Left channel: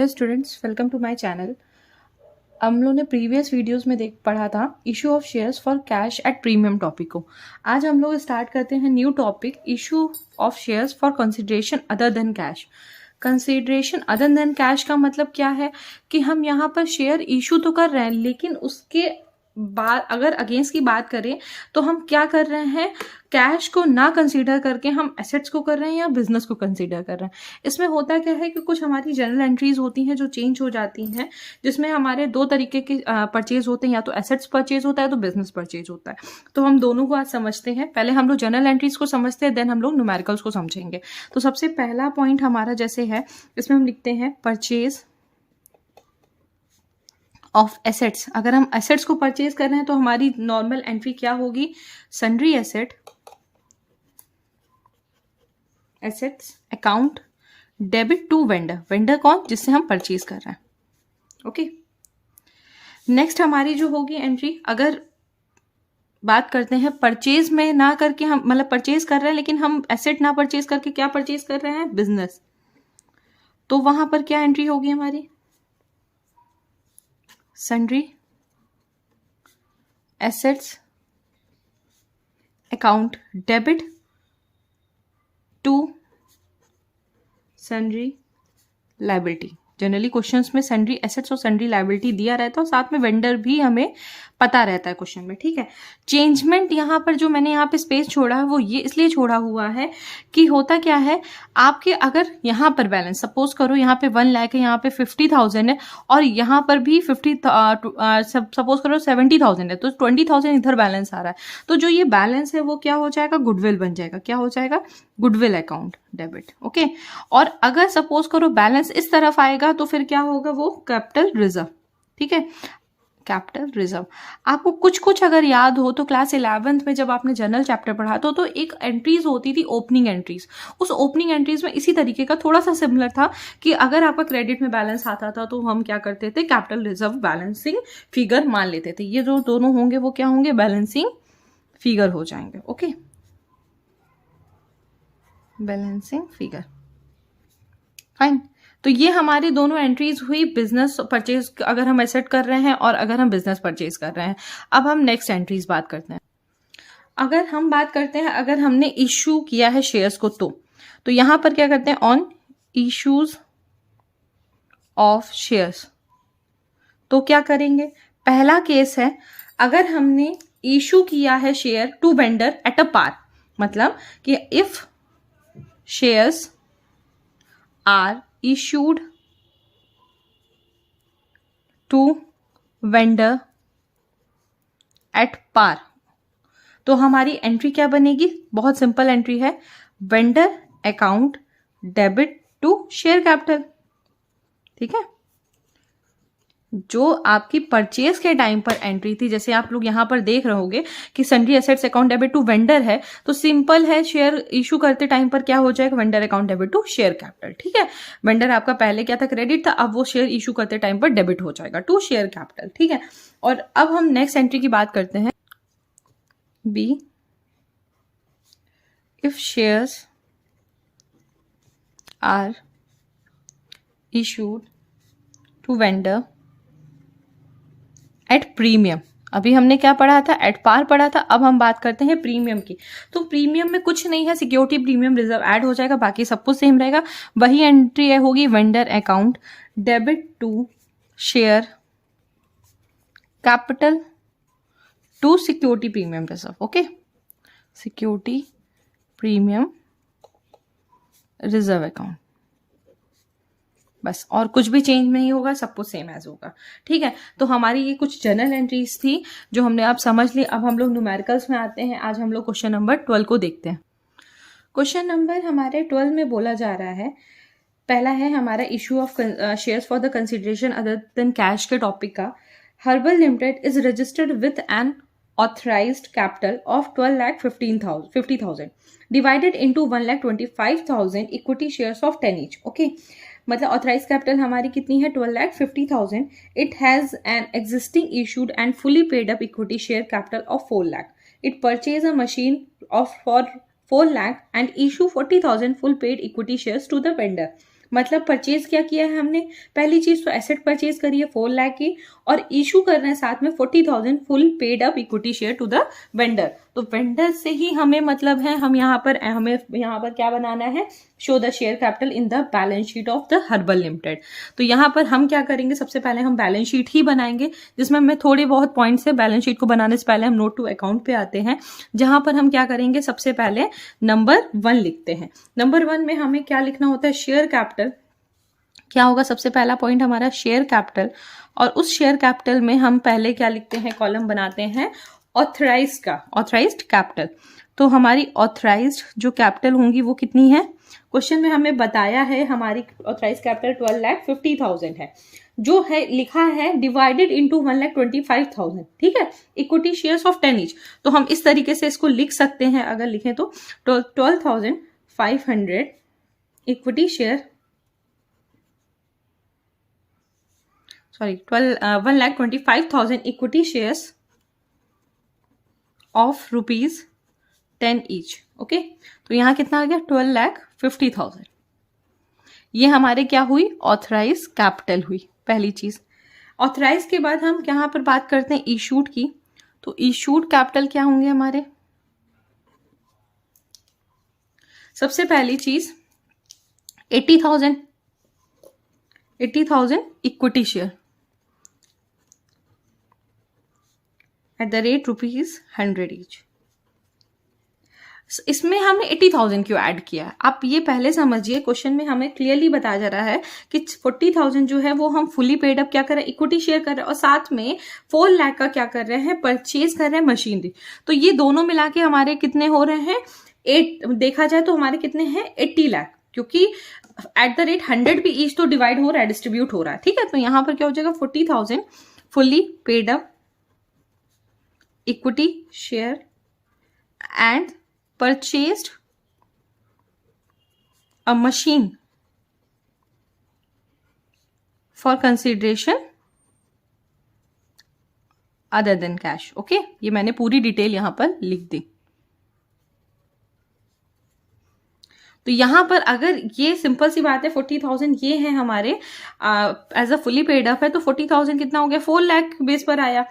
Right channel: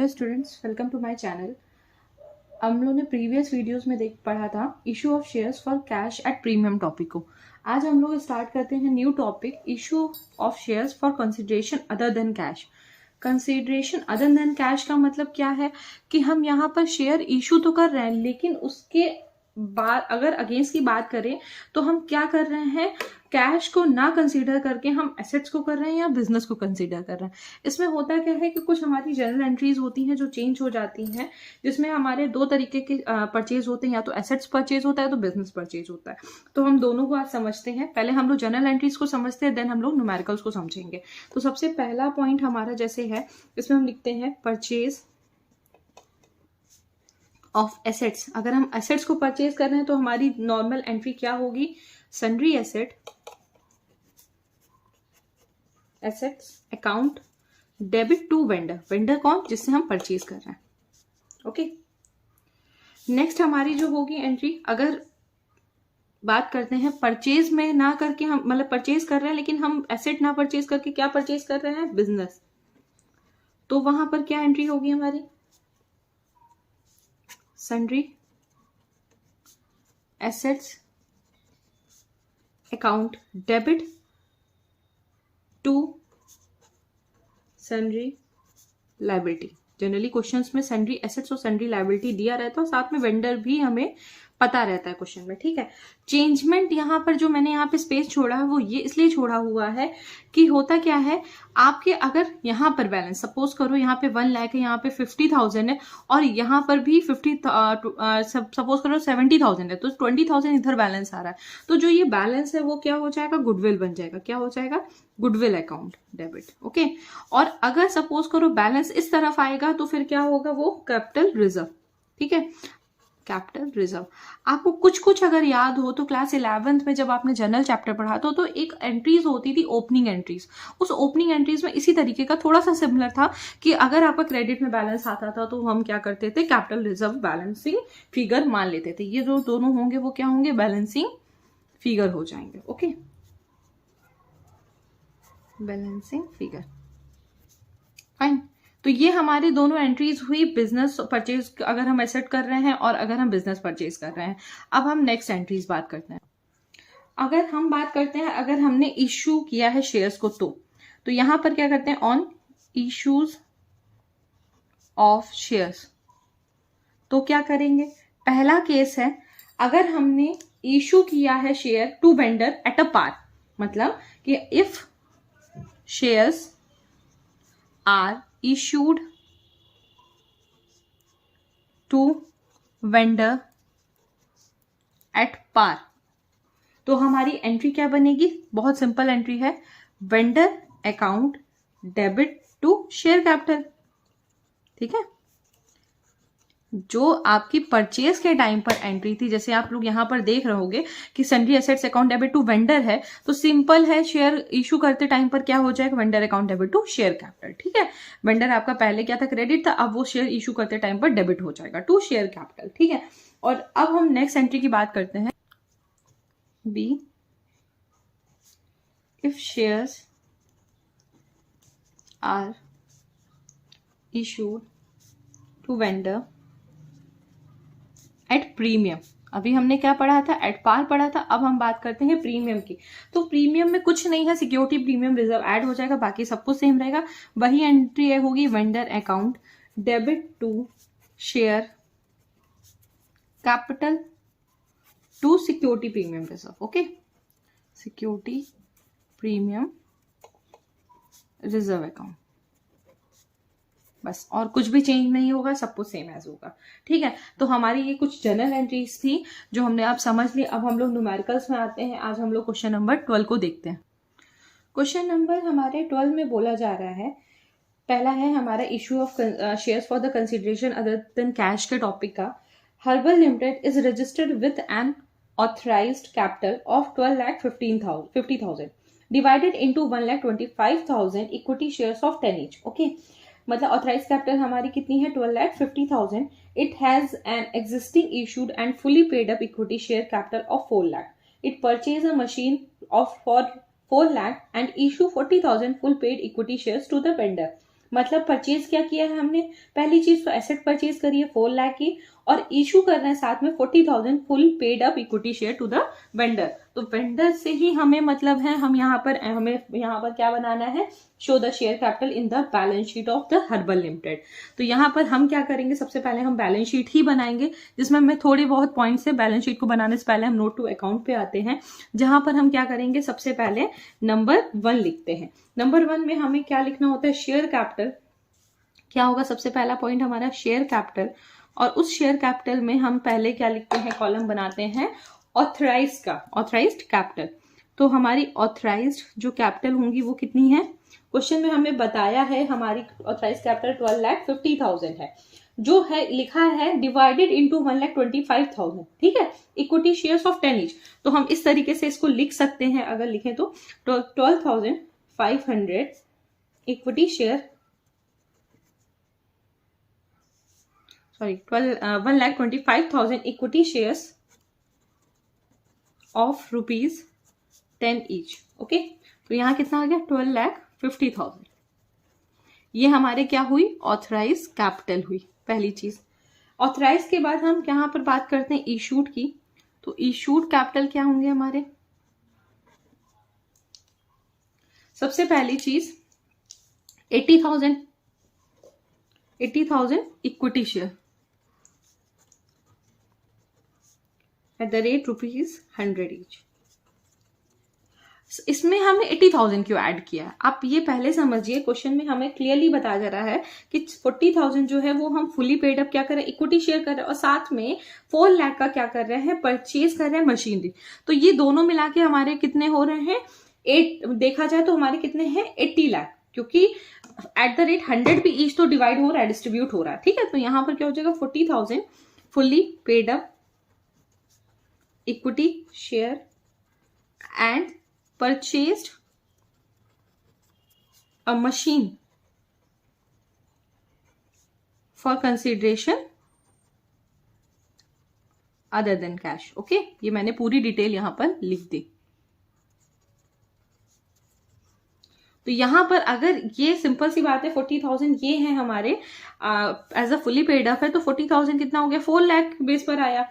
Hello students, welcome to my channel. हम लोग ने प्रीवियस वीडियोस में पढ़ा था issue of shares for cash at premium topic को। आज हम लोग स्टार्ट करते हैं new topic, issue of shares for consideration other than cash. Consideration other than cash का मतलब क्या है कि हम यहाँ पर शेयर इशू तो कर रहे हैं, लेकिन उसके बाद अगर अगेंस्ट की बात करें तो हम क्या कर रहे हैं, कैश को ना कंसीडर करके हम एसेट्स को कर रहे हैं या बिजनेस को कंसीडर कर रहे हैं। इसमें होता क्या है कि कुछ हमारी जनरल एंट्रीज होती हैं जो चेंज हो जाती हैं, जिसमें हमारे दो तरीके के परचेज होते हैं, या तो एसेट्स परचेज होता है तो बिजनेस परचेज होता है। तो हम दोनों को आज समझते हैं। पहले हम लोग जनरल एंट्रीज को समझते हैं, देन हम लोग न्यूमेरिकल्स को समझेंगे। तो सबसे पहला पॉइंट हमारा जैसे है, इसमें हम लिखते हैं परचेज ऑफ एसेट्स। अगर हम एसेट्स को परचेज कर रहे हैं तो हमारी नॉर्मल एंट्री क्या होगी, sundry assets account debit to vendor. Vendor कौन, जिससे हम परचेज कर रहे हैं। ओके, नेक्स्ट हमारी जो होगी एंट्री, अगर बात करते हैं परचेज में ना करके, हम मतलब परचेज कर रहे हैं लेकिन हम एसेट ना परचेज करके क्या परचेज कर रहे हैं, बिजनेस। तो वहां पर क्या एंट्री होगी हमारी, sundry assets account debit to sundry liability. Generally questions में सन्ड्री एसेट्स और सन्ड्री लायबिलिटी दिया रहता है और साथ में वेंडर भी हमें पता रहता है क्वेश्चन में। ठीक है, चेंजमेंट यहाँ पर जो मैंने यहाँ पे स्पेस छोड़ा है वो ये इसलिए छोड़ा हुआ है कि होता क्या है, आपके अगर यहाँ पर बैलेंस सपोज करो यहाँ पे 1 लाख है, यहाँ पे 50,000 है और यहाँ पर भी 50 सपोज करो 70,000 है, तो 20,000 इधर बैलेंस आ रहा है। तो जो ये बैलेंस है वो क्या हो जाएगा, गुडविल बन जाएगा। क्या हो जाएगा, गुडविल अकाउंट डेबिट। ओके, और अगर सपोज करो बैलेंस इस तरफ आएगा तो फिर क्या होगा, वो कैपिटल रिजर्व। ठीक है, कैपिटल रिजर्व। आपको कुछ कुछ अगर याद हो तो क्लास 11th में जब आपने जनरल चैप्टर पढ़ा तो एक एंट्रीज होती थी, ओपनिंग एंट्रीज। उस ओपनिंग एंट्रीज में इसी तरीके का थोड़ा सा सिमिलर था कि अगर आपका क्रेडिट में बैलेंस आता था तो हम क्या करते थे, कैपिटल रिजर्व बैलेंसिंग फिगर मान लेते थे। ये जो दोनों होंगे वो क्या होंगे, बैलेंसिंग फिगर हो जाएंगे। Okay, balancing figure, fine. तो ये हमारी दोनों एंट्रीज हुई, बिजनेस परचेज अगर हम एसेट कर रहे हैं और अगर हम बिजनेस परचेज कर रहे हैं। अब हम नेक्स्ट एंट्रीज बात करते हैं। अगर हम बात करते हैं, अगर हमने इशू किया है शेयर्स को तो यहां पर क्या करते हैं, ऑन इश्यूज ऑफ शेयर्स। तो क्या करेंगे, पहला केस है अगर हमने इशू किया है share to vendor at a par, मतलब कि if shares are issued to vendor at par, तो हमारी एंट्री क्या बनेगी, बहुत सिंपल एंट्री है, vendor account debit to share capital. ठीक है, जो आपकी परचेज के टाइम पर एंट्री थी, जैसे आप लोग यहां पर देख रहे होगे कि sundry assets account debit to vendor है, तो सिंपल है, शेयर इशू करते टाइम पर क्या हो जाएगा, vendor account debit to share capital. ठीक है, वेंडर आपका पहले क्या था, क्रेडिट था, अब वो शेयर इशू करते टाइम पर डेबिट हो जाएगा टू शेयर कैपिटल। ठीक है, और अब हम नेक्स्ट एंट्री की बात करते हैं, B if shares are issued to vendor at premium. अभी हमने क्या पढ़ा था, एट पार पढ़ा था, अब हम बात करते हैं प्रीमियम की। तो प्रीमियम में कुछ नहीं है, सिक्योरिटी प्रीमियम रिजर्व ऐड हो जाएगा, बाकी सब कुछ सेम रहेगा। वही एंट्री होगी, vendor account debit to share capital to security premium reserve. Okay, security premium reserve account, बस, और कुछ भी चेंज नहीं होगा, सब कुछ सेम एज होगा। ठीक है, तो हमारी ये कुछ जनरल एंट्रीज थी जो हमने आप समझ ली। अब हम लोग न्यूमेरिकल्स में आते हैं। आज हम लोग क्वेश्चन नंबर 12 को देखते हैं। क्वेश्चन नंबर हमारे 12 में बोला जा रहा है, पहला है हमारा issue of shares for the consideration other than cash के टॉपिक का। Herbal limited is registered with an authorised capital of 12,50,000 divided into 1,25,000 equity shares of 10 each. Okay, मतलब ऑथराइज कैपिटल हमारी कितनी है, 12,50,000। It has an existing issued and fully paid up equity share capital of 4 lakh. It purchase a machine of for 4 lakh and issue 40,000 full paid equity shares to the vendor. मतलब purchase क्या किया है हमने, पहली चीज तो एसेट परचेज करी है 4 लाख की, और इशू कर रहे हैं साथ में 40,000 full paid up equity share to the vendor. तो वेंडर से ही हमें मतलब है, हमें यहाँ पर क्या बनाना है, show the share capital in the balance sheet of the herbal limited. तो यहाँ पर हम क्या करेंगे, सबसे पहले हम बैलेंस शीट ही बनाएंगे, जिसमें हमें थोड़े बहुत पॉइंट्स है। बैलेंस शीट को बनाने से पहले हम नोट टू अकाउंट पे आते हैं, जहां पर हम क्या करेंगे, सबसे पहले नंबर 1 लिखते हैं। नंबर 1 में हमें क्या लिखना होता है, शेयर कैपिटल। क्या होगा, सबसे पहला पॉइंट हमारा शेयर कैपिटल, और उस शेयर कैपिटल में हम पहले क्या लिखते हैं, कॉलम बनाते हैं ऑथराइज्ड कैपिटल। तो हमारी ऑथराइज्ड जो कैपिटल होंगी वो कितनी है, क्वेश्चन में हमें बताया है हमारी ऑथराइज्ड कैपिटल 12,50,000 है, जो है लिखा है डिवाइडेड इनटू 1,25,000, ठीक है, इक्विटी शेयर्स ऑफ 10 ईच। तो हम इस तरीके से इसको लिख सकते हैं, अगर लिखें तो 12,500 equity share, 1,25,000 equity shares of ₹10 each. Okay, तो यहां कितना आ गया, 12,50,000। ये हमारे क्या हुई, ऑथराइज कैपिटल हुई पहली चीज। ऑथराइज के बाद हम यहां पर बात करते हैं इशूड की। तो इशूड कैपिटल क्या होंगे हमारे, सबसे पहली चीज 80,000 equity share at the rate ₹100 each. इसमें हमने 80,000 क्यों ऐड किया, आप ये पहले समझिए। क्वेश्चन में हमें क्लियरली बताया जा रहा है कि 40,000 जो है वो हम फुली पेड अप क्या कर रहे हैं, इक्विटी शेयर कर रहे हैं, और साथ में 4 लाख का क्या कर रहे हैं, परचेज कर रहे हैं मशीनरी। तो ये दोनों मिला के हमारे कितने हो रहे हैं, 8, देखा जाए तो हमारे कितने हैं 80 लाख, क्योंकि एट द रेट 100 भी ईच तो डिवाइड हो रहा है, डिस्ट्रीब्यूट हो रहा है, ठीक है। तो यहां पर क्या हो जाएगा, 40,000 fully paid up equity share and purchased a machine for consideration other than cash। Okay, ये मैंने पूरी डिटेल यहां पर लिख दी। तो यहां पर अगर ये सिंपल सी बात है, 40,000 ये है हमारे as a fully paid up है, तो 40,000 कितना हो गया, 4 लाख बेस पर आया,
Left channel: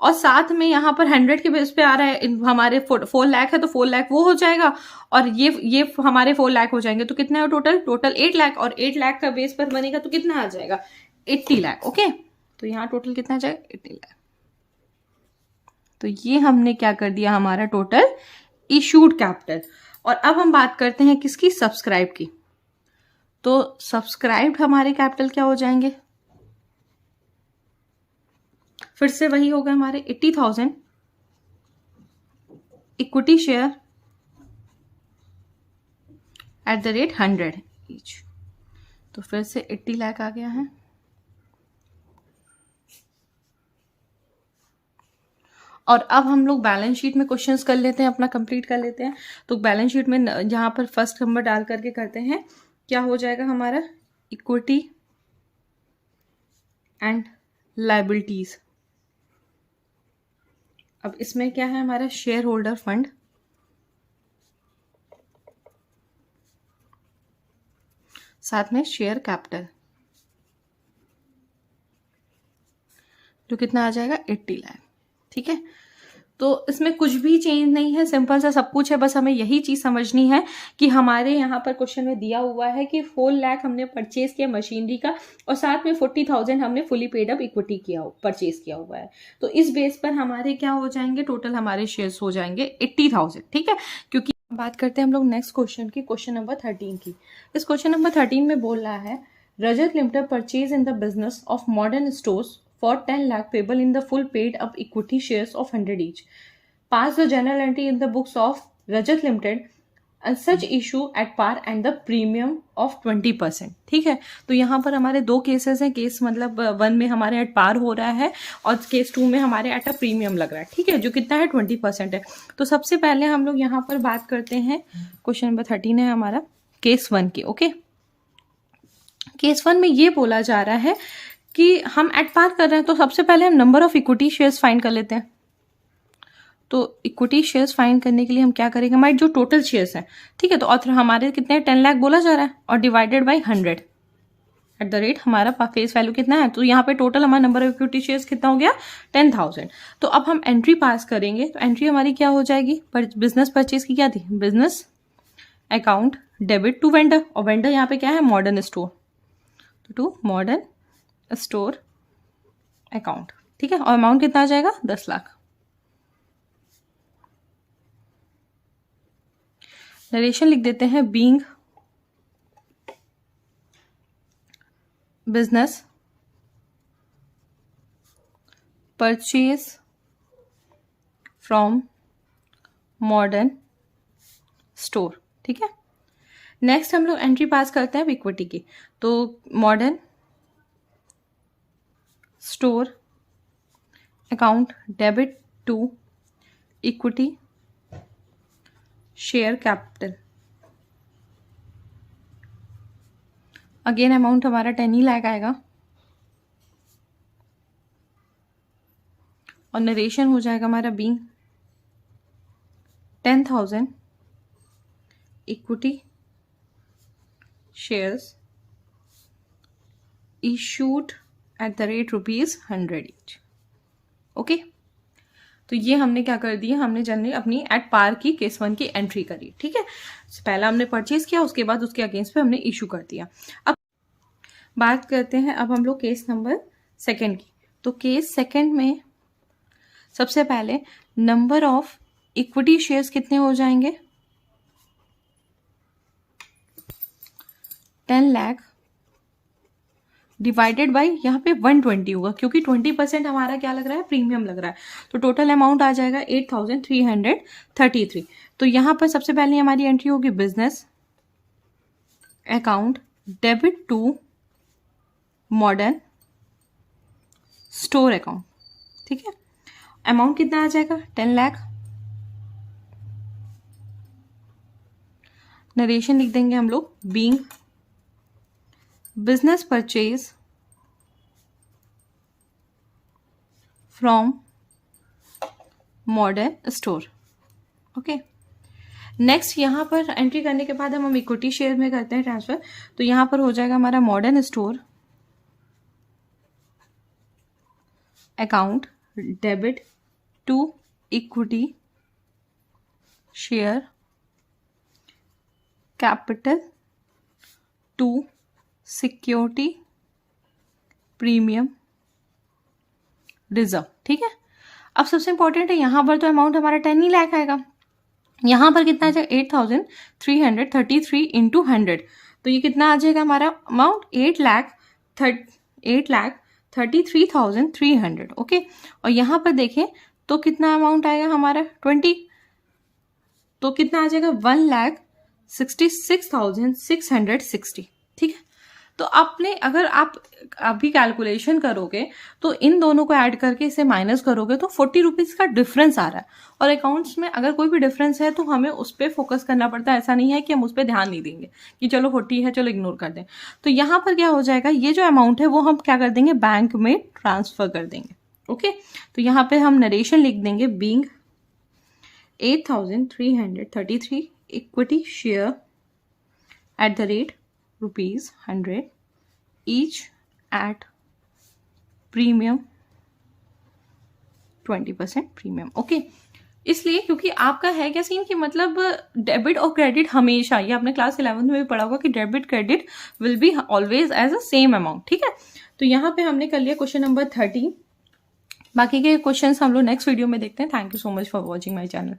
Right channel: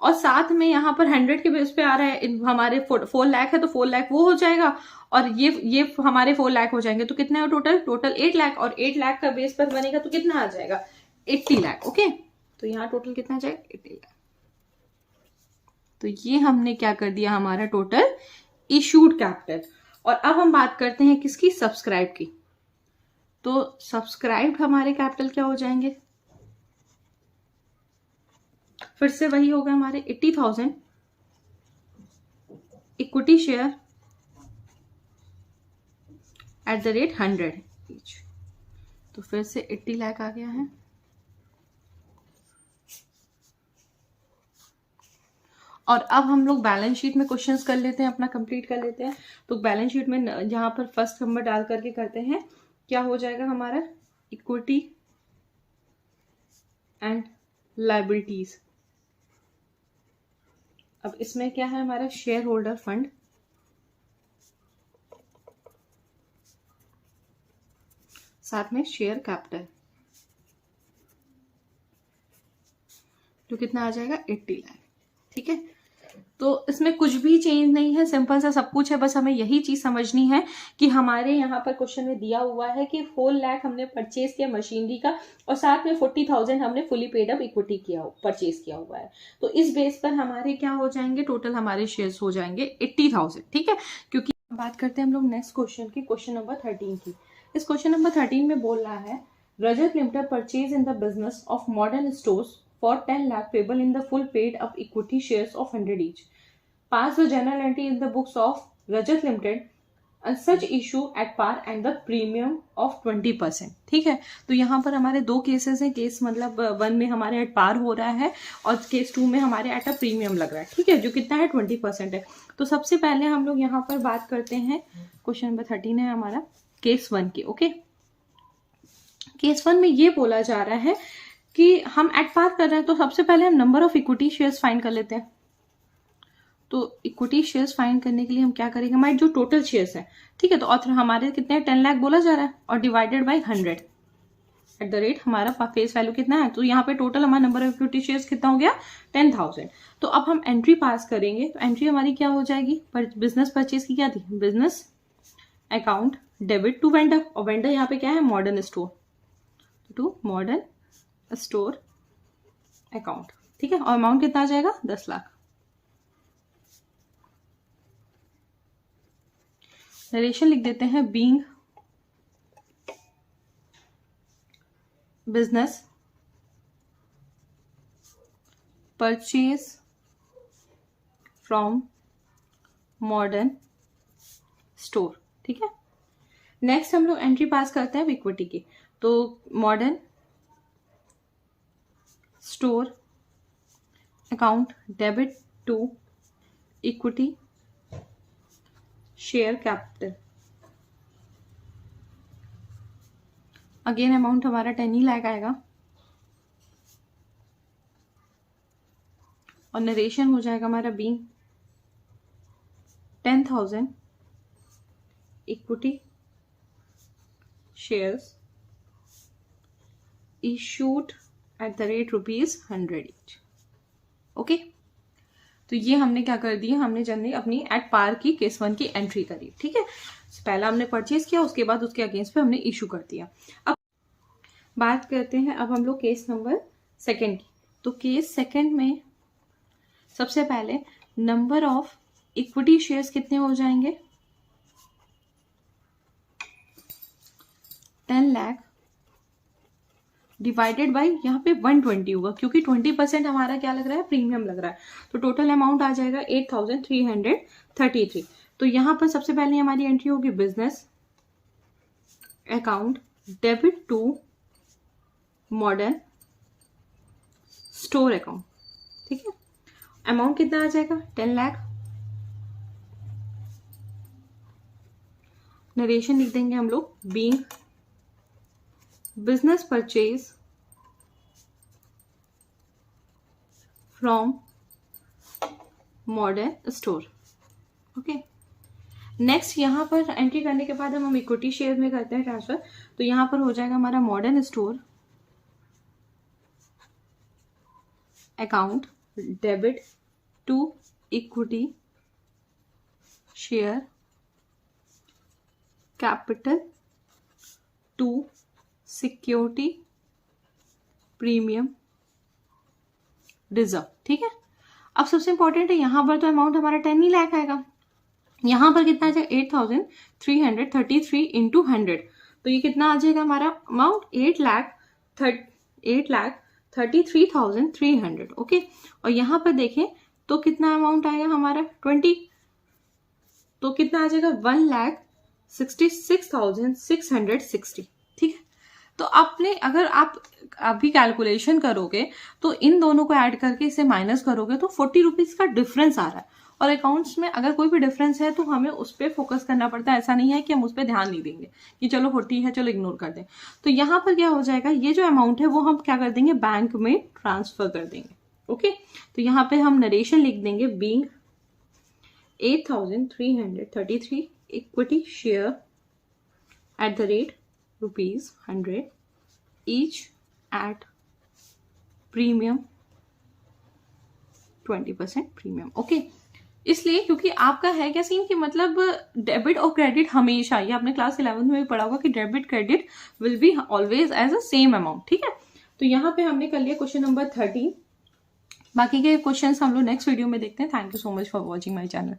और साथ में यहाँ पर 100 के बेस पे आ रहा है, हमारे 4 लाख है तो 4 लाख वो हो जाएगा, और ये हमारे 4 लाख हो जाएंगे। तो कितना है टोटल 8 लाख, और 8 लाख का बेस पर बनेगा तो कितना आ जाएगा, 80 लाख। ओके, तो यहाँ टोटल कितना आ जाएगा, 80 लाख। तो ये हमने क्या कर दिया, हमारा टोटल इशूड कैपिटल। और अब हम बात करते हैं किसकी, सब्सक्राइब की। तो सब्सक्राइब्ड हमारे कैपिटल क्या हो जाएंगे, फिर से वही होगा हमारे 80,000 equity share at the rate 100 each. तो फिर से 80 लाख आ गया है। और अब हम लोग बैलेंस शीट में क्वेश्चंस कर लेते हैं, अपना कंप्लीट कर लेते हैं। तो बैलेंस शीट में जहां पर फर्स्ट नंबर डाल करके करते हैं, क्या हो जाएगा हमारा, इक्विटी एंड लायबिलिटीज। अब इसमें क्या है हमारा, शेयर होल्डर फंड, साथ में शेयर कैपिटल, जो कितना आ जाएगा, 80 लाख, ठीक है। तो इसमें कुछ भी चेंज नहीं है, सिंपल सा सब कुछ है, बस हमें यही चीज समझनी है कि हमारे यहाँ पर क्वेश्चन में दिया हुआ है कि 4 लाख हमने परचेज किया मशीनरी का, और साथ में 40,000 हमने fully paid up equity purchase किया हुआ है। तो इस बेस पर हमारे क्या हो जाएंगे, टोटल हमारे शेयर्स हो जाएंगे 80,000, ठीक है। क्योंकि बात करते हैं हम लोग नेक्स्ट क्वेश्चन की, क्वेश्चन नंबर 13 की। इस क्वेश्चन नंबर 13 में बोल रहा है, Rajat limited purchase in the business of modern stores for 10 lakh payable in the full paid up equity shares of 100 each. Pass the journal entry in the books of Rajat Limited and such issue at par and the premium of 20%। ठीक है, तो यहाँ पर हमारे 2 cases हैं। Case मतलब 1 में हमारे एट पार हो रहा है, और केस 2 में हमारे एट अ प्रीमियम लग रहा है, ठीक है, जो कितना है 20% है। तो सबसे पहले हम लोग यहाँ पर बात करते हैं, क्वेश्चन नंबर 13 है हमारा केस 1 की। ओके, केस 1 में ये बोला जा रहा है कि हम एट पार कर रहे हैं, तो सबसे पहले हम number of equity shares find कर लेते हैं। तो इक्विटी शेयर्स फाइंड करने के लिए हम क्या करेंगे, हमारे जो टोटल शेयर्स हैं, ठीक है, तो ऑथर हमारे कितने 10 लाख बोला जा रहा है, और divided by 100, at the rate हमारा फेस वैल्यू कितना है, तो यहाँ पे टोटल हमारा नंबर ऑफ इक्विटी शेयर्स कितना हो गया 10,000। तो अब हम एंट्री पास करेंगे, तो एंट्री हमारी क्या हो जाएगी, बिजनेस परचेज की क्या थी, business account debit to vendor, और वेंडर यहाँ पे क्या है, modern store, to modern store account, ठीक है। और अमाउंट कितना आ जाएगा 10 लाख। नरेशन लिख देते हैं, being business purchase from modern store, ठीक है। नेक्स्ट हम लोग एंट्री पास करते हैं इक्विटी की, तो modern store account debit to equity share capital, again amount हमारा 10 ही लाख आएगा, और नरेशन हो जाएगा हमारा being 10,000 equity shares issued at the rate ₹100 each. Okay, तो ये हमने क्या कर दिया, हमने जनरली अपनी एट पार की केस 1 की एंट्री करी, ठीक है। पहला हमने परचेज किया, उसके बाद उसके अगेंस्ट पे हमने इशू कर दिया। अब बात करते हैं अब हम लोग केस नंबर 2 की। तो केस 2 में सबसे पहले नंबर ऑफ इक्विटी शेयर्स कितने हो जाएंगे, 10 लाख डिवाइडेड बाय यहाँ पे 120 होगा, क्योंकि 20% हमारा क्या लग रहा है, प्रीमियम लग रहा है। तो टोटल अमाउंट आ जाएगा 8,333। तो यहाँ पर सबसे पहले हमारी एंट्री होगी business account debit to modern store account, ठीक है। अमाउंट कितना आ जाएगा 10 लाख। नरेशन लिख देंगे हम लोग, being business purchase from modern store, okay. Next यहाँ पर एंट्री करने के बाद हम इक्विटी शेयर में करते हैं ट्रांसफर, तो यहाँ पर हो जाएगा हमारा modern store account debit to equity share capital to security premium reserve, ठीक है। अब सबसे इंपॉर्टेंट है, यहां पर तो अमाउंट हमारा 10 ही लाख आएगा, यहां पर कितना आ जाएगा 8,333 इंटू 100, तो ये कितना आ जाएगा हमारा अमाउंट 8,33,300, ओके। और यहां पर देखें तो कितना अमाउंट आएगा हमारा 20, तो कितना आ जाएगा 1,66,660, ठीक है। तो आपने अगर आप अभी कैलकुलेशन करोगे तो इन दोनों को ऐड करके इसे माइनस करोगे तो 40 रुपीज का डिफरेंस आ रहा है। और अकाउंट्स में अगर कोई भी डिफरेंस है तो हमें उस पर फोकस करना पड़ता है, ऐसा नहीं है कि हम उस पर ध्यान नहीं देंगे कि चलो 40 है चलो इग्नोर कर दें। तो यहाँ पर क्या हो जाएगा, ये जो अमाउंट है वो हम क्या कर देंगे, बैंक में ट्रांसफर कर देंगे, ओके। तो यहाँ पे हम नरेशन लिख देंगे, being 8,333 equity share at the rate ₹100 each at premium 20% premium, okay. इसलिए क्योंकि आपका है क्या सीन कि मतलब डेबिट और क्रेडिट हमेशा, ये आपने क्लास 11 में भी पढ़ा होगा कि debit credit will be always as a same amount, ठीक है। तो यहाँ पे हमने कर लिया क्वेश्चन नंबर 13। बाकी के क्वेश्चंस हम लोग नेक्स्ट वीडियो में देखते हैं। Thank you so much for watching my channel.